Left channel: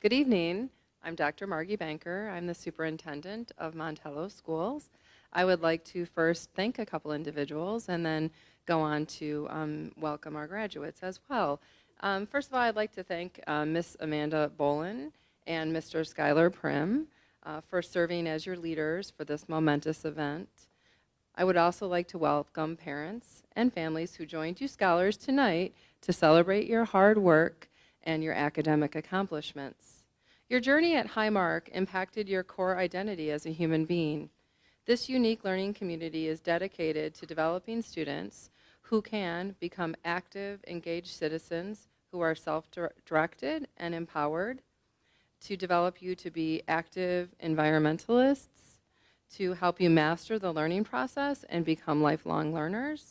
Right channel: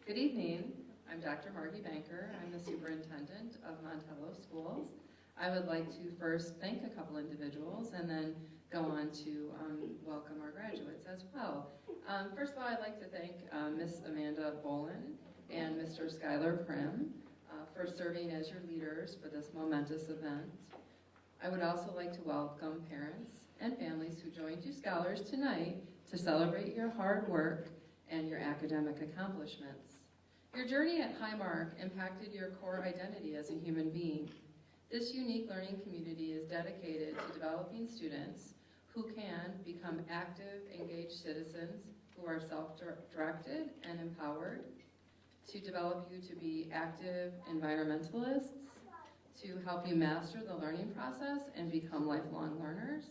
Good evening. I'm Dr. Margie Banker. I'm the superintendent of Montello Schools. I would like to first thank a couple individuals and then go on to welcome our graduates as well. First of all, I'd like to thank Miss Amanda Bolin and Mr. Skylar Prim for serving as your leaders for this momentous event. I would also like to welcome parents and families who joined you scholars tonight to celebrate your hard work and your academic accomplishments. Your journey at Marq impacted your core identity as a human being. This unique learning community is dedicated to developing students who can become active, engaged citizens who are self-directed and empowered, to develop you to be active environmentalists, to help you master the learning process and become lifelong learners,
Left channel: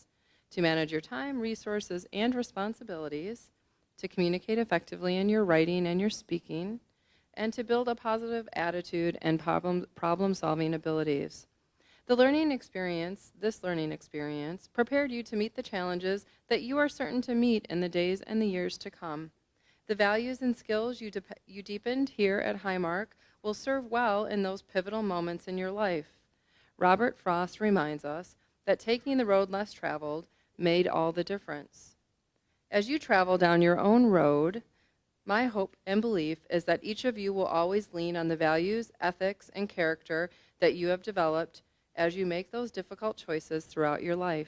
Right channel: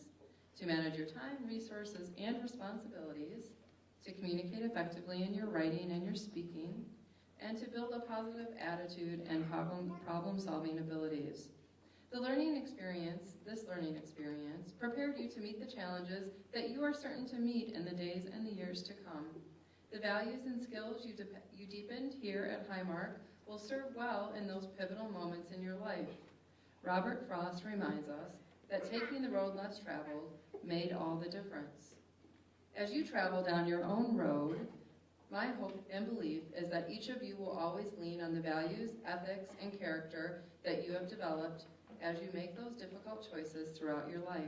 to manage your time, resources, and responsibilities, to communicate effectively in your writing and your speaking, and to build a positive attitude and problem-solving abilities. This learning experience, prepared you to meet the challenges that you are certain to meet in the days and the years to come. The values and skills you deepened here at Marq will serve well in those pivotal moments in your life. Robert Frost reminds us that taking the road less traveled made all the difference. As you travel down your own road, my hope and belief is that each of you will always lean on the values, ethics, and character that you have developed as you make those difficult choices throughout your life.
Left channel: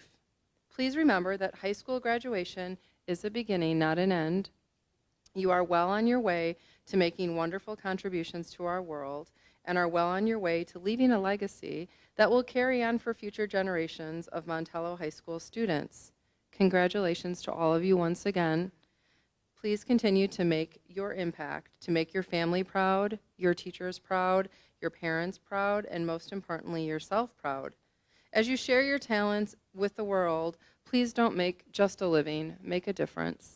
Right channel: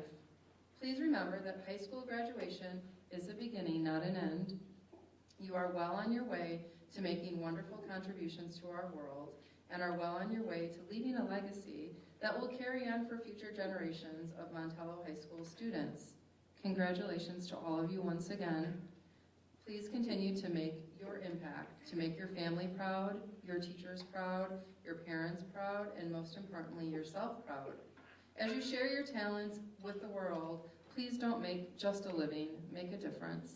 Please remember that high school graduation is a beginning, not an end. You are well on your way to making wonderful contributions to our world and are well on your way to leaving a legacy that will carry on for future generations of Montello High School students. Congratulations to all of you once again. Please continue to make your impact, to make your family proud, your teachers proud, your parents proud, and most importantly, yourself proud. As you share your talents with the world, please don't make just a living, make a difference.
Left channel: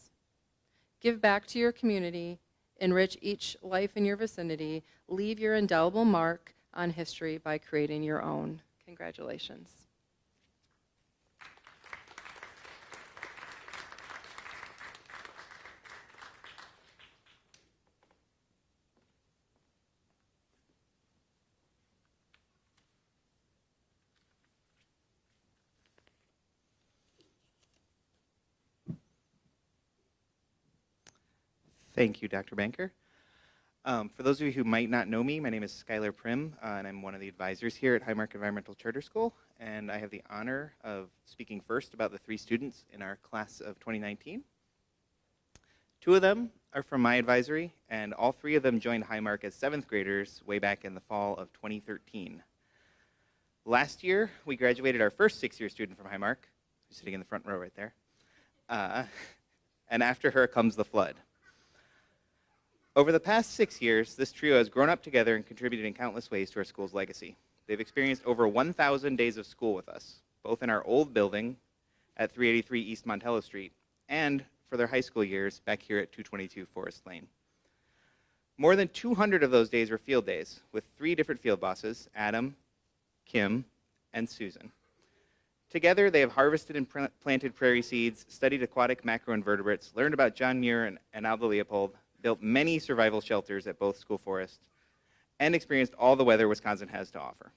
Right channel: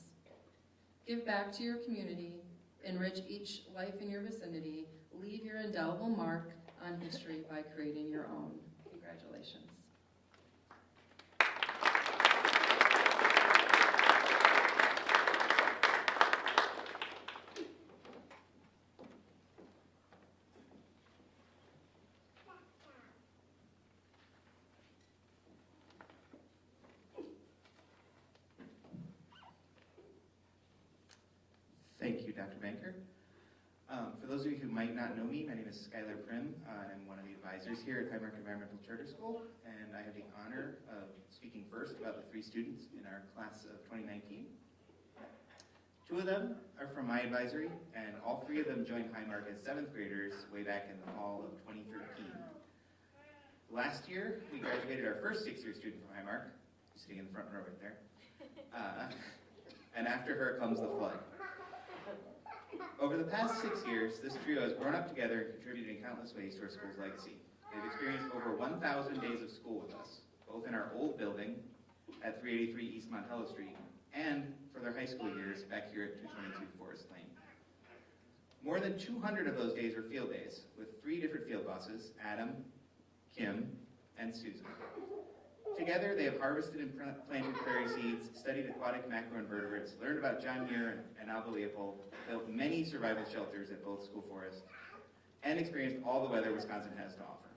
Give back to your community, enrich each life in your vicinity, leave your indelible mark on history by creating your own. Congratulations. Thank you, Dr. Banker. For those of you who might not know me, my name is Skylar Prim, and I'm one of the advisors here at Marq Environmental Charter School, and I have the honor of speaking first about the 3 students in our class of 2019. 2 of them are from my advisory, and all 3 of them joined Marq as 7th graders way back in the fall of 2013. Last year, we graduated our first 6-year student from Marq, sitting in the front row right there, and after her comes the flood. Over the past 6 years, this trio has grown up together and contributed in countless ways to our school's legacy. They've experienced over 1,000 days of school with us, both in our old building at 383 East Montello Street and for their high school years back here at 222 Forest Lane. More than 200 of those days were field days with 3 different field bosses, Adam, Kim, and Susan. Together, they have harvested and planted prairie seeds, studied aquatic macroinvertebrates, learned about John Muir and Alva Leopold, built many survival shelters at both school forests, and experienced all the weather Wisconsin has to offer.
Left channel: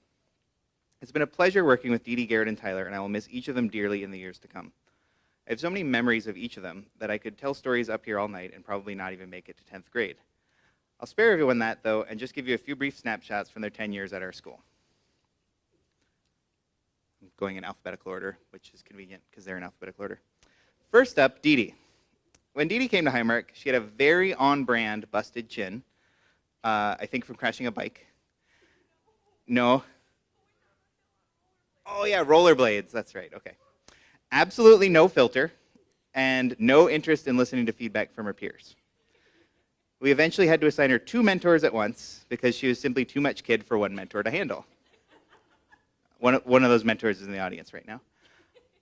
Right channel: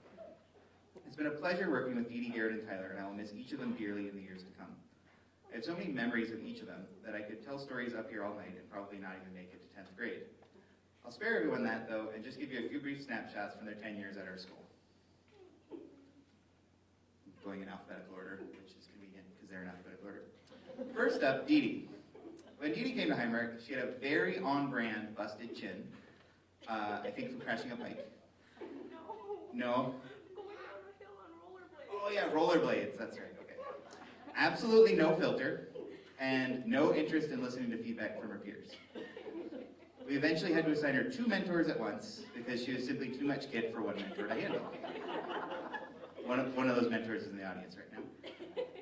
It's been a pleasure working with Dee Dee, Garrett, and Tyler, and I will miss each of them dearly in the years to come. I have so many memories of each of them that I could tell stories up here all night and probably not even make it to 10th grade. I'll spare everyone that, though, and just give you a few brief snapshots from their 10 years at our school. I'm going in alphabetical order, which is convenient because they're in alphabetical order. First up, Dee Dee. When Dee Dee came to Marq, she had a very on-brand busted chin, I think from crashing a bike. No? Oh yeah, rollerblades, that's right, okay. Absolutely no filter, and no interest in listening to feedback from her peers. We eventually had to assign her 2 mentors at once because she was simply too much kid for one mentor to handle. One of those mentors is in the audience right now.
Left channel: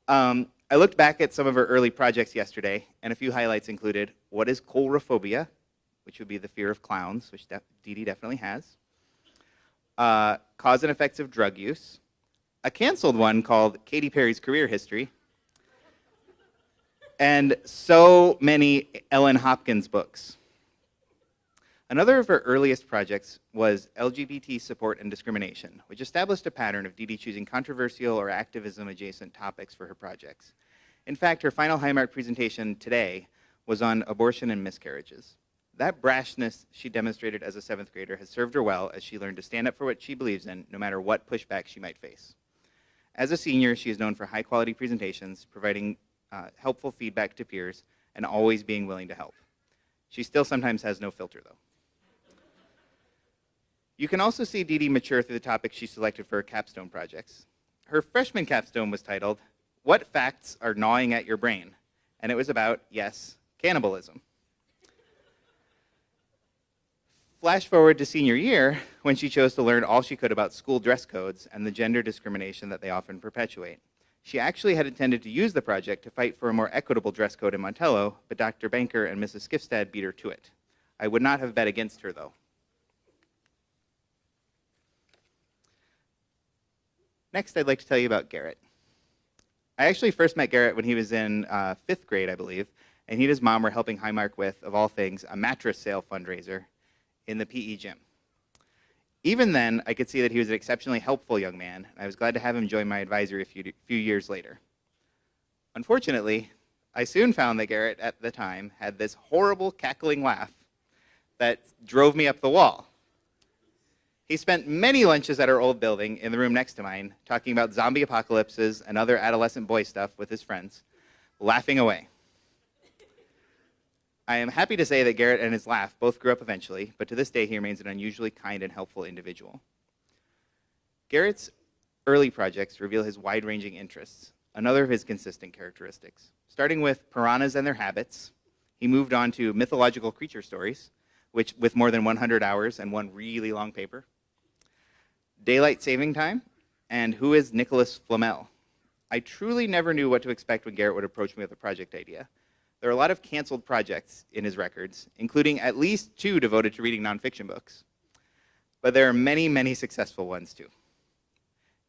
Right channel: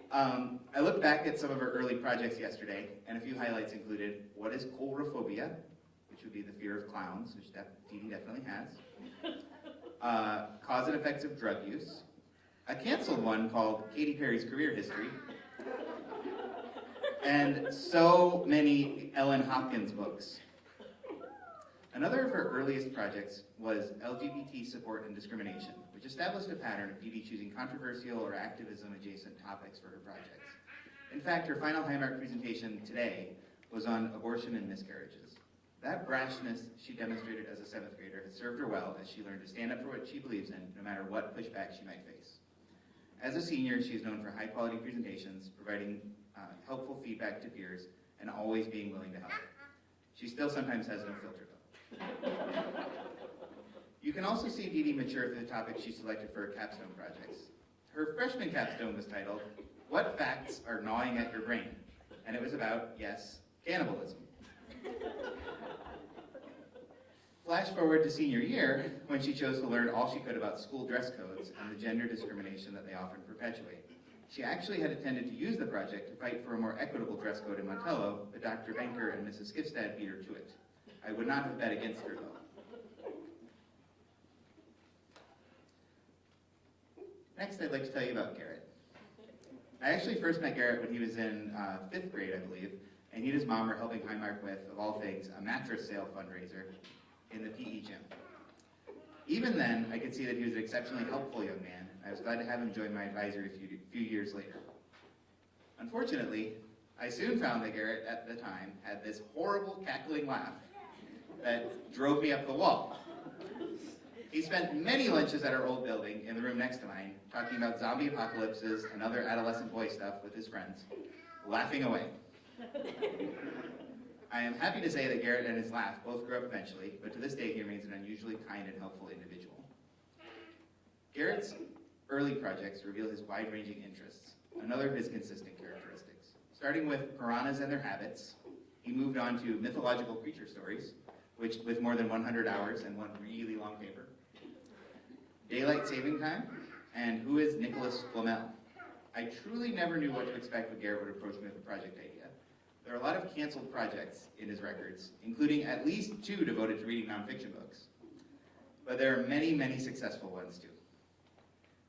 I looked back at some of her early projects yesterday, and a few highlights included, what is coulrophobia, which would be the fear of clowns, which Dee Dee definitely has, cause and effects of drug use, a canceled one called Katy Perry's career history, and so many Ellen Hopkins books. Another of her earliest projects was LGBT support and discrimination, which established a pattern of Dee Dee choosing controversial or activism-adjacent topics for her projects. In fact, her final Highmark presentation today was on abortion and miscarriages. That brashness she demonstrated as a 7th grader has served her well as she learned to stand up for what she believes in, no matter what pushback she might face. As a senior, she is known for high-quality presentations, providing helpful feedback to peers, and always being willing to help. She still sometimes has no filter, though. You can also see Dee Dee mature through the topics she selected for her capstone projects. Her freshman capstone was titled, "What Facts Are Gnawing at Your Brain?" And it was about, yes, cannibalism. Flash forward to senior year, when she chose to learn all she could about school dress codes and the gender discrimination that they often perpetuate. She actually had intended to use the project to fight for a more equitable dress code in Montello, but Dr. Banker and Mrs. Skifstad beat her to it. I would not have bet against her, though. Next, I'd like to tell you about Garrett. I actually first met Garrett when he was in 5th grade, I believe, and he and his mom were helping Highmark with, of all things, a mattress sale fundraiser in the PE gym. Even then, I could see that he was an exceptionally helpful young man, and I was glad to have him join my advisory a few years later. Unfortunately, I soon found that Garrett, at the time, had this horrible cackling laugh that drove me up the wall. He spent many lunches at our old building in the room next to mine, talking about zombie apocalypses and other adolescent boy stuff with his friends, laughing away. I am happy to say that Garrett and his laugh both grew up eventually, but to this day he remains an unusually kind and helpful individual. Garrett's early projects reveal his wide-ranging interests, another of his consistent characteristics. Starting with piranhas and their habits, he moved on to mythological creature stories, which with more than 100 hours and one really long paper, daylight saving time, and who is Nicholas Flamel. I truly never knew what to expect when Garrett would approach me with a project idea. There are a lot of canceled projects in his records, including at least 2 devoted to reading nonfiction books. But there are many, many successful ones too.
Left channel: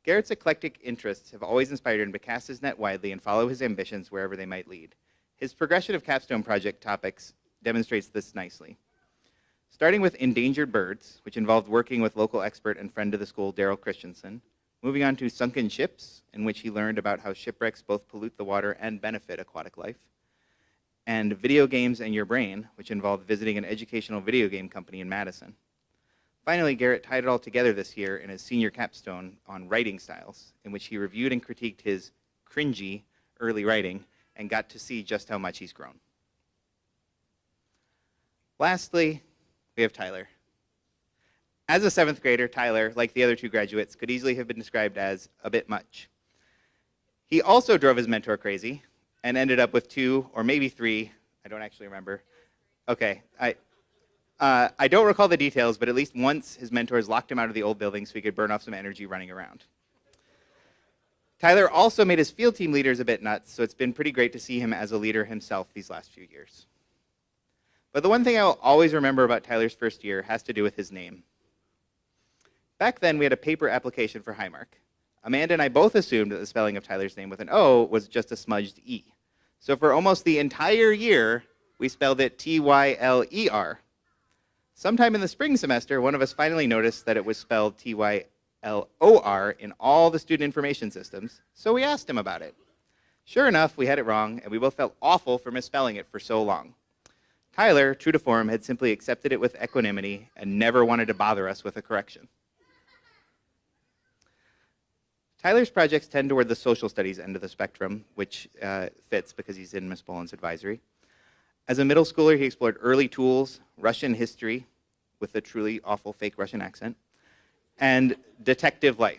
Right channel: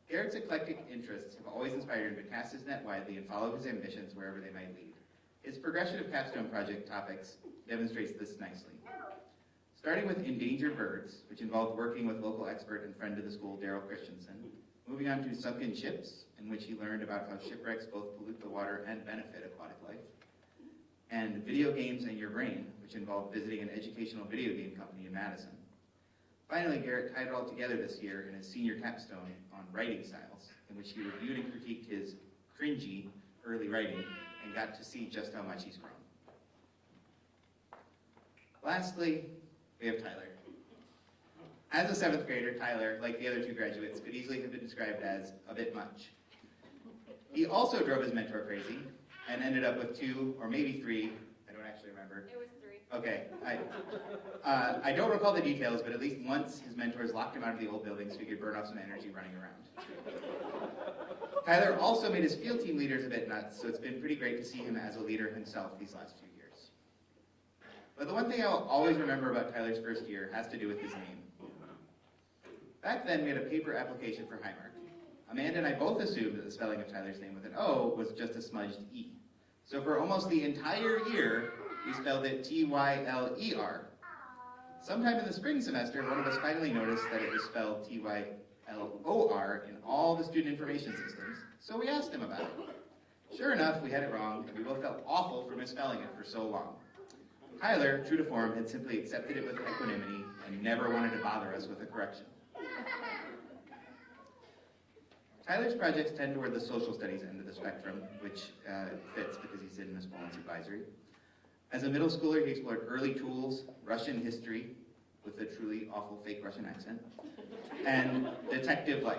Garrett's eclectic interests have always inspired him to cast his net widely and follow his ambitions wherever they might lead. His progression of capstone project topics demonstrates this nicely. Starting with endangered birds, which involved working with local expert and friend of the school, Daryl Christensen, moving on to sunken ships, in which he learned about how shipwrecks both pollute the water and benefit aquatic life, and video games and your brain, which involved visiting an educational video game company in Madison. Finally, Garrett tied it all together this year in his senior capstone on writing styles, in which he reviewed and critiqued his cringy early writing and got to see just how much he's grown. Lastly, we have Tyler. As a 7th grader, Tyler, like the other 2 graduates, could easily have been described as a bit much. He also drove his mentor crazy and ended up with 2 or maybe 3, I don't actually remember. It was 3. Okay, I don't recall the details, but at least once his mentors locked him out of the old building so he could burn off some energy running around. Tyler also made his field team leaders a bit nuts, so it's been pretty great to see him as a leader himself these last few years. But the one thing I'll always remember about Tyler's first year has to do with his name. Back then, we had a paper application for Highmark. Amanda and I both assumed that the spelling of Tyler's name with an O was just a smudged E. So for almost the entire year, we spelled it Tyler. Sometime in the spring semester, one of us finally noticed that it was spelled Tylor in all the student information systems, so we asked him about it. Sure enough, we had it wrong, and we both felt awful for misspelling it for so long. Tyler, true to form, had simply accepted it with equanimity and never wanted to bother us with a correction. Tyler's projects tend toward the social studies end of the spectrum, which fits because he's in Miss Boland's advisory. As a middle schooler, he explored early tools, Russian history, with a truly awful fake Russian accent, and detective life.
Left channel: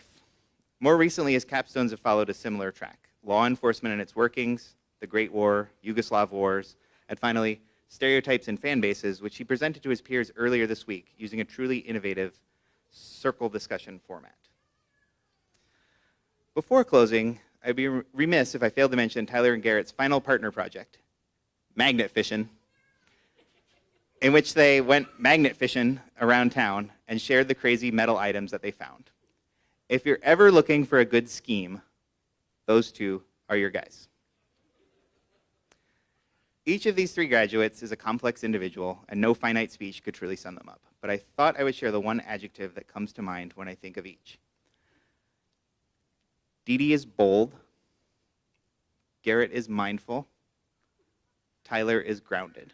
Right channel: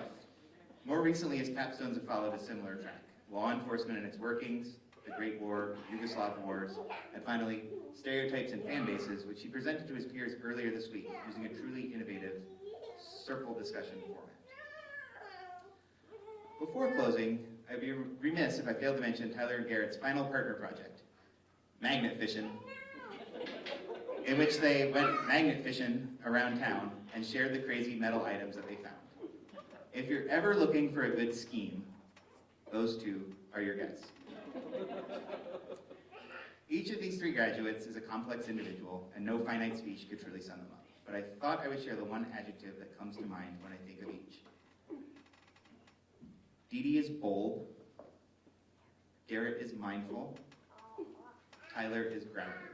More recently, his capstones have followed a similar track: law enforcement and its workings, the Great War, Yugoslav wars, and finally, stereotypes and fan bases, which he presented to his peers earlier this week using a truly innovative circle discussion format. Before closing, I'd be remiss if I failed to mention Tyler and Garrett's final partner project, magnet fishing, in which they went magnet fishing around town and shared the crazy metal items that they found. If you're ever looking for a good scheme, those 2 are your guys. Each of these 3 graduates is a complex individual, and no finite speech could truly sum them up. But I thought I would share the one adjective that comes to mind when I think of each. Dee Dee is bold, Garrett is mindful, Tyler is grounded.